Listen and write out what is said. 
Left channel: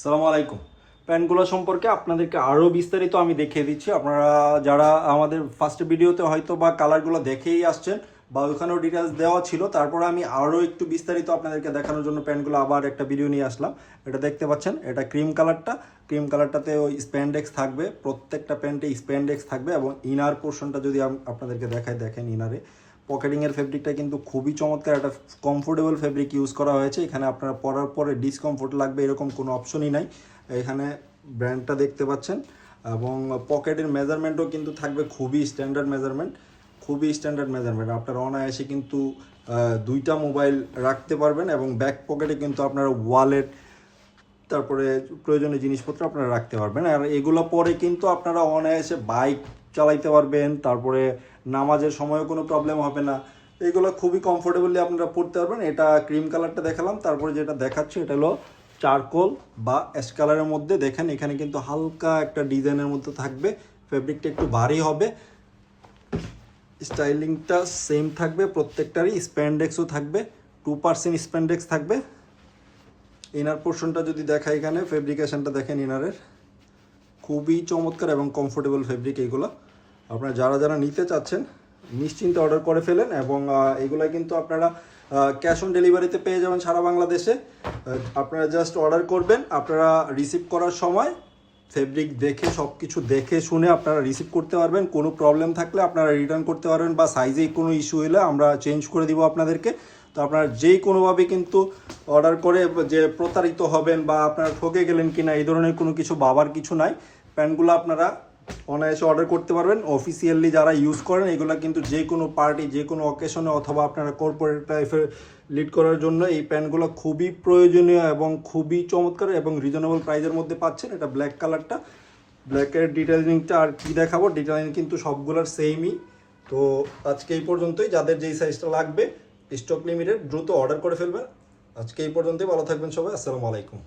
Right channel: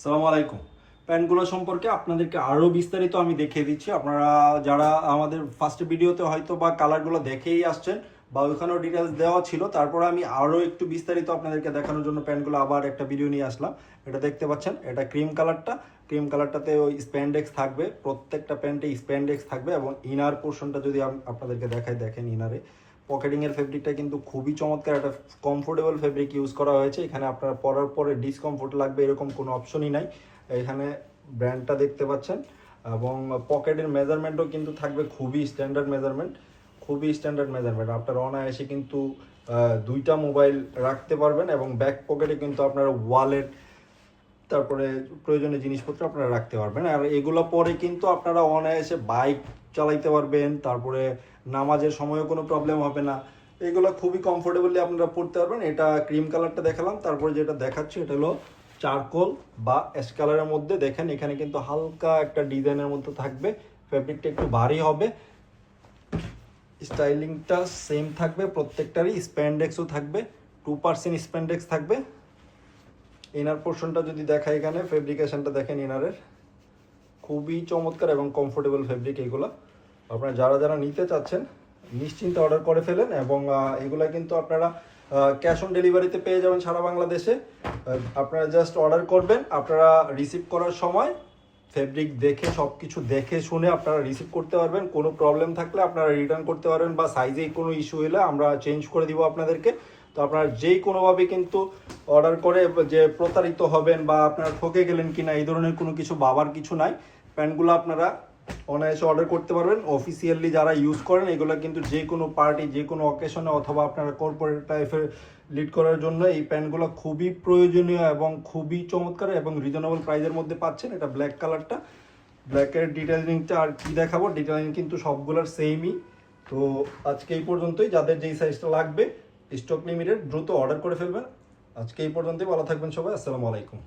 আসসালামু আলাইকুম। প্যান্টগুলো সম্পর্কে আপনাদেরকে আরও বিস্তারিত আমি দেখিয়ে দিচ্ছি। আপনারা যারা আমাদের ফার্স্ট ভিডিওতে হয়তো বা কালারগুলো দেখেই আসছেন বা ওখানেও ডিটেলস দেওয়া ছিল, তারপরে আমি আরও একটু বিস্তারিত আপনাদেরকে দেখানোর জন্য প্যান্টগুলো আবার একটা ভিডিও নিয়ে আসলাম। এটা দেখতে পাচ্ছেন, এটা ক্রিম কালারটাতে ওই স্প্যান্ডেক্স থাকবে, প্রত্যেকটা প্যান্টে স্প্যান্ডেক্স থাকবে এবং ইনার পোর্শনটা যদি আপনাদেরকে দেখেন ইনারে পকেটিংয়ের ফেব্রিকটা কিন্তু খুবই চমৎকার, একটা কমফোর্টেবল ফেব্রিক ইউজ করা হয়েছে। এখানে আপনার পরার পরে ডিসকমফোর্ট লাগবে এরকম কোনো অপশনই নাই। এখানে ব্র্যান্ডটা দেখতে পাচ্ছেন এবং পকেটের মেজারমেন্টও কিন্তু থাকবে খুবই স্ট্যান্ডার্ড মেজারমেন্ট। আপনারা অনায়াসে কিন্তু দুইটা মোবাইল রাখতে পারবেন এবং ব্যাক পকেটে কিন্তু আপনারা ওয়ালেট, তারপরে প্রয়োজনীয় জিনিসপত্র আপনারা রাখতে পারবেন। আর এগুলো পরে কিন্তু আপনারা অনায়াসে বাইক চালাইতে পারবেন, তারপরে নামাজের সময়ও কোনো প্রবলেম হবে না। এগুলো খুবই কমফোর্টেবলি আপনারা পরতে পারবেন। এটা ক্রিম কালারটা দেখালাম, তারপরে যেটা দেখাচ্ছি এটা হলো চারকোল বা অ্যাশ কালারের মধ্যে। দেখেন এখানে কিন্তু হালকা একটা ডিজাইনের মধ্যে থাকবে, ফেব্রিকটা একটু ভারী হবে, স্টাইলিংটা সেম থাকবে, প্রত্যেকটারই স্প্যান্ডেক্সও থাকবে, 2% স্প্যান্ডেক্স থাকবে। ইনার পোর্শনটা যদি দেখা, এখানে ফেব্রিকেশনটা দেখেন ইনারের, খুবই চমৎকার এবং কমফোর্টেবল ফেব্রিক। এগুলো আপনারা যারা যারা নিতে চাচ্ছেন নিশ্চিন্তে অর্ডার করে ফেলেন এবং এগুলো কিন্তু আপনারা ক্যাশ অন ডেলিভারিতে পেয়ে যাবেন সারা বাংলাদেশে। আপনারা জাস্ট অর্ডার করবেন, আপনারা রিসিভ করার সময় ফেব্রিক দেখে সব কিছু দেখে শুনে আপনারা রিসিভ করতে পারবেন। কোনো প্রবলেম থাকলে আপনারা রিটার্ন করতে পারবেন বা সাইজেই কোনো ইস্যু হলে আমরা চেঞ্জ করে দিব আপনাদেরকে। তো আপনারা যেই কোনোভাবে কিন্তু অর্ডার করে যে প্রতারিত হবেন বা আপনারা ঠকে গেলেন কিনা এই ধরনের কোনো কিছু ভাবার কিছু নাই। প্যান্টগুলো আপনারা অনায়াসে অর্ডার করতে পারবেন। অফিসিয়ালি যারা ইউজ করেন এগুলো কিন্তু যে কোনো পার্টি, যে কোনো অকেশনে অথবা আপনারা কর্পোরেট লাইফে লিড করার জন্য এই প্যান্টগুলো খুবই প্রয়োজনীয় এবং খুবই চমৎকার এবং রিজনেবল প্রাইসের মধ্যে পাচ্ছেন। এটা ব্ল্যাক কালারটা, ব্ল্যাকের ডিটেইলিংটা আর কি দেখাবো, ডিটেইলিং কিন্তু সবগুলোর সেমই। তো আজকে এই পর্যন্তই। যাদের যেই সাইজটা লাগবে, স্টক লিমিটেড, দ্রুত অর্ডার করে ফেলবেন। আজকে এই পর্যন্তই। ভালো থাকবেন সবাই। আসসালামু আলাইকুম।